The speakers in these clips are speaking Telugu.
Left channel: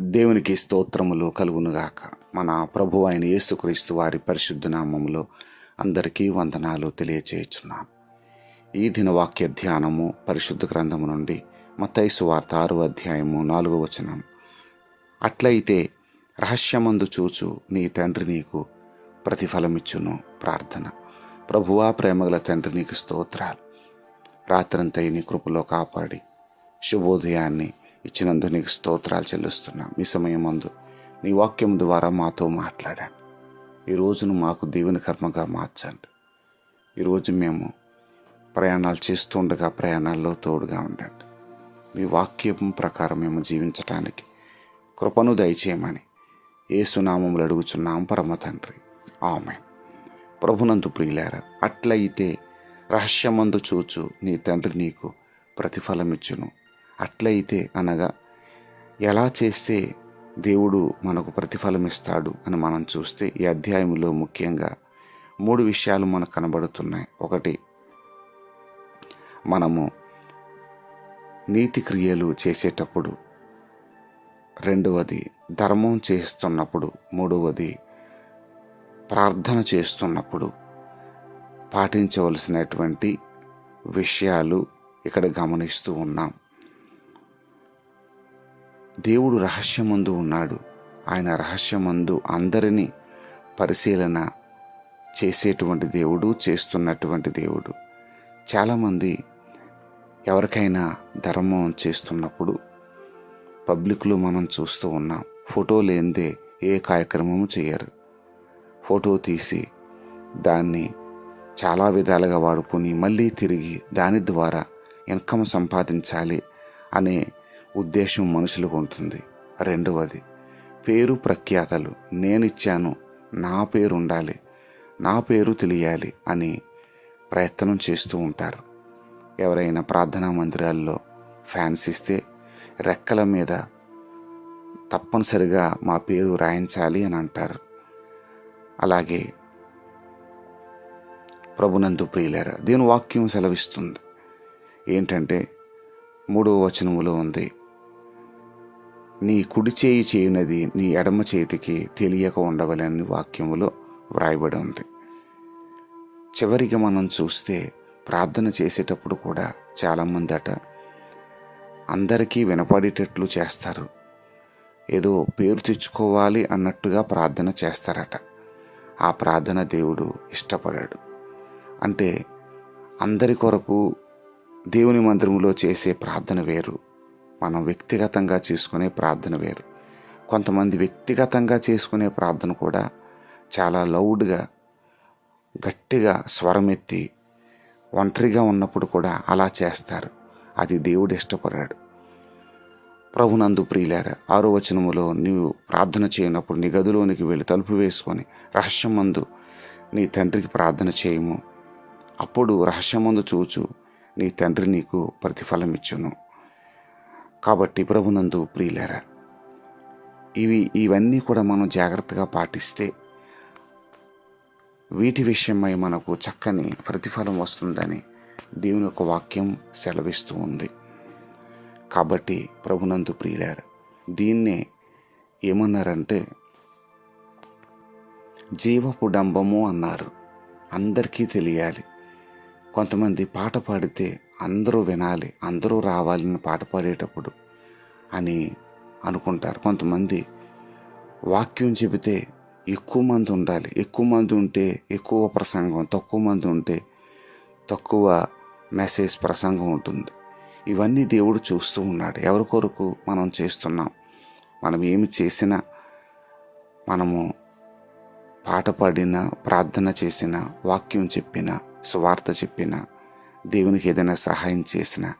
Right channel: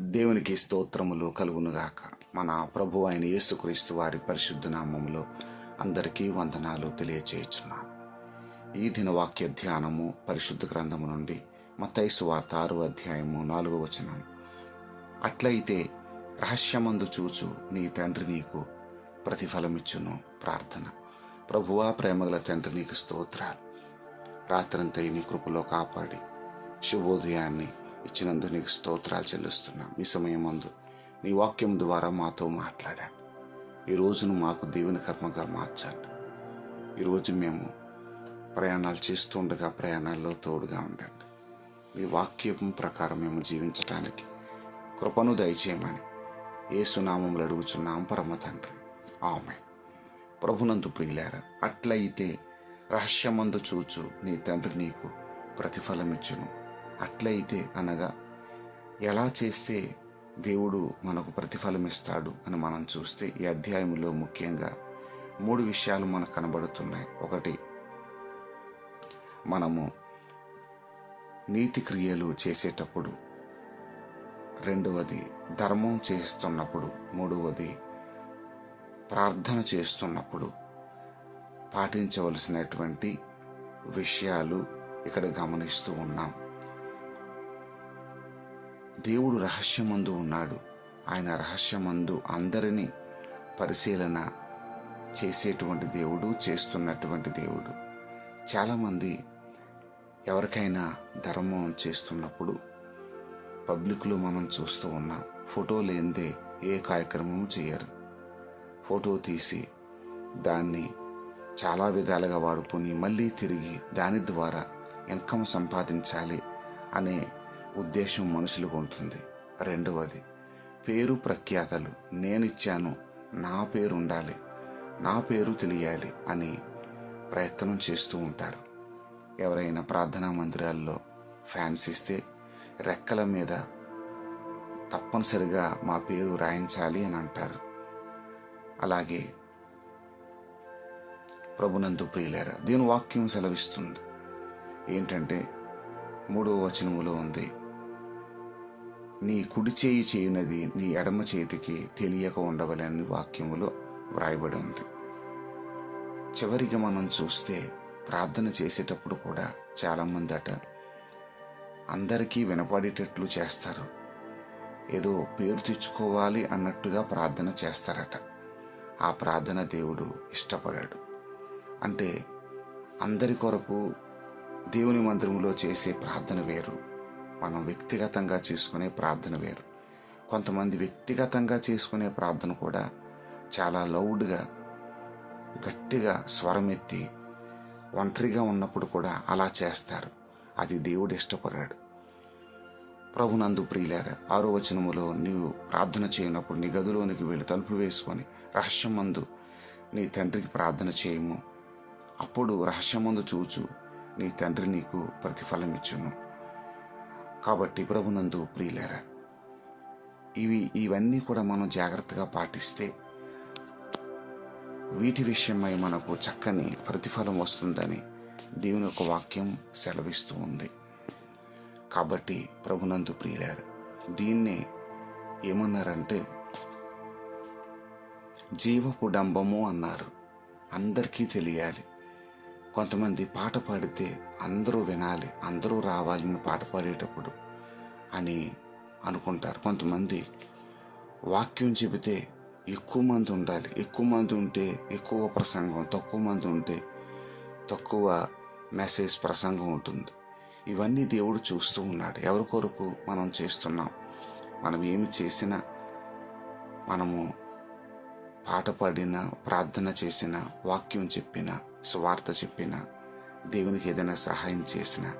దేవునికి స్తోత్రములు కలుగునుగాక. మన ప్రభు అయిన యేసుక్రీస్తు వారి పరిశుద్ధ నామములో అందరికీ వందనాలు తెలియచేయుచున్నాను. ఈ దిన వాక్య ధ్యానము పరిశుద్ధ గ్రంథము నుండి మత్తైసు వార్త ఆరు అధ్యాయము నాలుగో వచనం. అట్లయితే రహస్యమందు చూచు నీ తండ్రి నీకు ప్రతిఫలమిచ్చును ప్రార్థన. ప్రభువా ప్రేమగల తండ్రి నీకు స్తోత్రాలు. రాత్రంతా నీ కృపలో కాపాడి శుభోదయాన్ని ఇచ్చినందుకు నీకు స్తోత్రాలు చెల్లిస్తున్నాం. మీ సమయం ముందు నీ వాక్యం ద్వారా మాతో మాట్లాడాను. ఈ రోజును మాకు దేవుని కర్మగా మార్చండి. ఈరోజు మేము ప్రయాణాలు చేస్తుండగా ప్రయాణాల్లో తోడుగా ఉండండి. మీ వాక్యం ప్రకారం మేము జీవించటానికి కృపను దయచేయమని ఏసునామములు అడుగుచున్నాం పరమ తండ్రి. ఆమె ప్రభునందు ప్రియులారా అట్లయితే రహస్యమందు చూచు నీ తండ్రి నీకు ప్రతిఫలమిచ్చును. అట్లయితే అనగా ఎలా చేస్తే దేవుడు మనకు ప్రతిఫలం ఇస్తాడు అని మనం చూస్తే ఈ అధ్యాయంలో ముఖ్యంగా మూడు విషయాలు మనకు కనబడుతున్నాయి. ఒకటి మనము నీతి క్రియలు చేసేటప్పుడు. రెండవది ధర్మం చేస్తున్నప్పుడు. మూడవది ప్రార్థన చేస్తున్నప్పుడు. పాటించవలసినటువంటి విషయాలు ఇక్కడ గమనిస్తూ ఉన్నాం. దేవుడు రహస్యమందు ఉన్నాడు. ఆయన రహస్యమందు అందరినీ పరిశీలన చేసేటువంటి దేవుడు చేస్తున్నటువంటి దేవుడు. చాలామంది ఎవరికైనా ధర్మం చేస్తున్నప్పుడు పబ్లిక్లో మనం చూస్తూ ఉన్నాం ఫోటో లేనిదే ఏ కార్యక్రమము చేయరు. ఫోటో తీసి దాన్ని చాలా విధాలుగా వాడుకొని మళ్ళీ తిరిగి దాని ద్వారా ఇన్కమ్ సంపాదించాలి అనే ఉద్దేశం మనుషులకు ఉంటుంది. రెండవది పేరు ప్రఖ్యాతలు. నేనిచ్చాను నా పేరు ఉండాలి నా పేరు తెలియాలి అని ప్రయత్నం చేస్తూ ఉంటారు. ఎవరైనా ప్రార్థనా మందిరాల్లో ఫ్యాన్స్ ఇస్తే రెక్కల మీద తప్పనిసరిగా మా పేరు రాయించాలి అని అంటారు. అలాగే ప్రభునందు ప్రియులేరా దీని వాక్యం సెలవిస్తుంది. ఏంటంటే మూడవ వచనములో ఉంది నీ కుడి చేయి చేయనది నీ ఎడమ చేతికి తెలియక ఉండవలని వాక్యములో వ్రాయబడి ఉంది. చివరికి మనం చూస్తే ప్రార్థన చేసేటప్పుడు కూడా చాలామంది అట అందరికీ వినపడేటట్లు చేస్తారు. ఏదో పేరు తెచ్చుకోవాలి అన్నట్టుగా ప్రార్థన చేస్తారట. ఆ ప్రార్థన దేవుడు ఇష్టపడాడు. అంటే అందరి కొరకు దేవుని మందిరంలో చేసే ప్రార్థన వేరు. మనం వ్యక్తిగతంగా చేసుకునే ప్రార్థన వేరు. కొంతమంది వ్యక్తిగతంగా చేసుకునే ప్రార్థన కూడా చాలా లౌడ్గా గట్టిగా స్వరమెత్తి ఒంటరిగా ఉన్నప్పుడు కూడా అలా చేస్తారు. అది దేవుడు ఇష్టపడాడు ప్రభునందు ప్రియులార ఆరో వచనములో నీవు ప్రార్థన చేయనప్పుడు నీ గదిలోనికి వెళ్ళి తలుపు వేసుకొని రహస్యమందు నీ తండ్రికి ప్రార్థన చేయము. అప్పుడు రహస్యమందు చూచు నీ తండ్రి నీకు ప్రతిఫలం ఇచ్చును కాబట్టి ప్రభునందు ప్రియులారా ఇవి ఇవన్నీ కూడా మనం జాగ్రత్తగా పాటిస్తే వీటి విషయమై మనకు చక్కని ప్రతిఫలం వస్తుందని దేవుని యొక్క వాక్యం సెలవిస్తూ ఉంది. కాబట్టి ప్రభునందు ప్రియులారు దీన్నే ఏమన్నారంటే జీవపు డంబము అన్నారు. అందరికీ తెలియాలి. కొంతమంది పాట పాడితే అందరూ వినాలి అందరూ రావాలని పాట పాడేటప్పుడు అని అనుకుంటారు. కొంతమంది వాక్యం చెబితే ఎక్కువ మంది ఉండాలి. ఎక్కువ మంది ఉంటే ఎక్కువ ప్రసంగం తక్కువ మంది ఉంటే తక్కువ మెసేజ్ ప్రసంగం ఉంటుంది. ఇవన్నీ దేవుడు చూస్తూ ఉన్నాడు. ఎవరి కొరకు మనం చేస్తున్నాం? మనం ఏమి చేసినా మనము పాట పాడిన ప్రార్థన చేసినా వాక్యం చెప్పినా సువార్త చెప్పిన దేవునికి ఏదైనా సహాయం చేసిన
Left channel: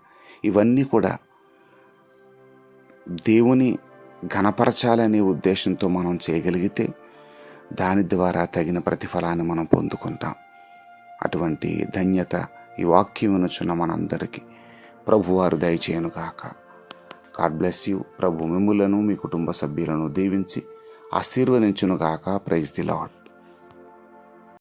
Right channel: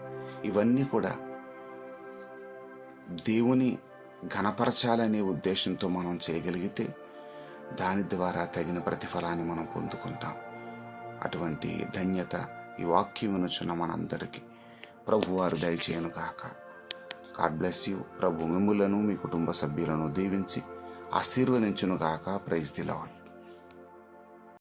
ఇవన్నీ కూడా దేవుని ఘనపరచాలనే ఉద్దేశంతో మనం చేయగలిగితే దాని ద్వారా తగిన ప్రతిఫలాన్ని మనం పొందుకుంటాం. అటువంటి ధన్యత ఈ వాక్యం వినుచున్న మనందరికీ. ప్రభువారు దయచేయను కాక గాడ్ బ్లెస్ యూ. ప్రభు మిమ్ములను మీ కుటుంబ సభ్యులను దీవించి ఆశీర్వదించును గాక. Praise the lord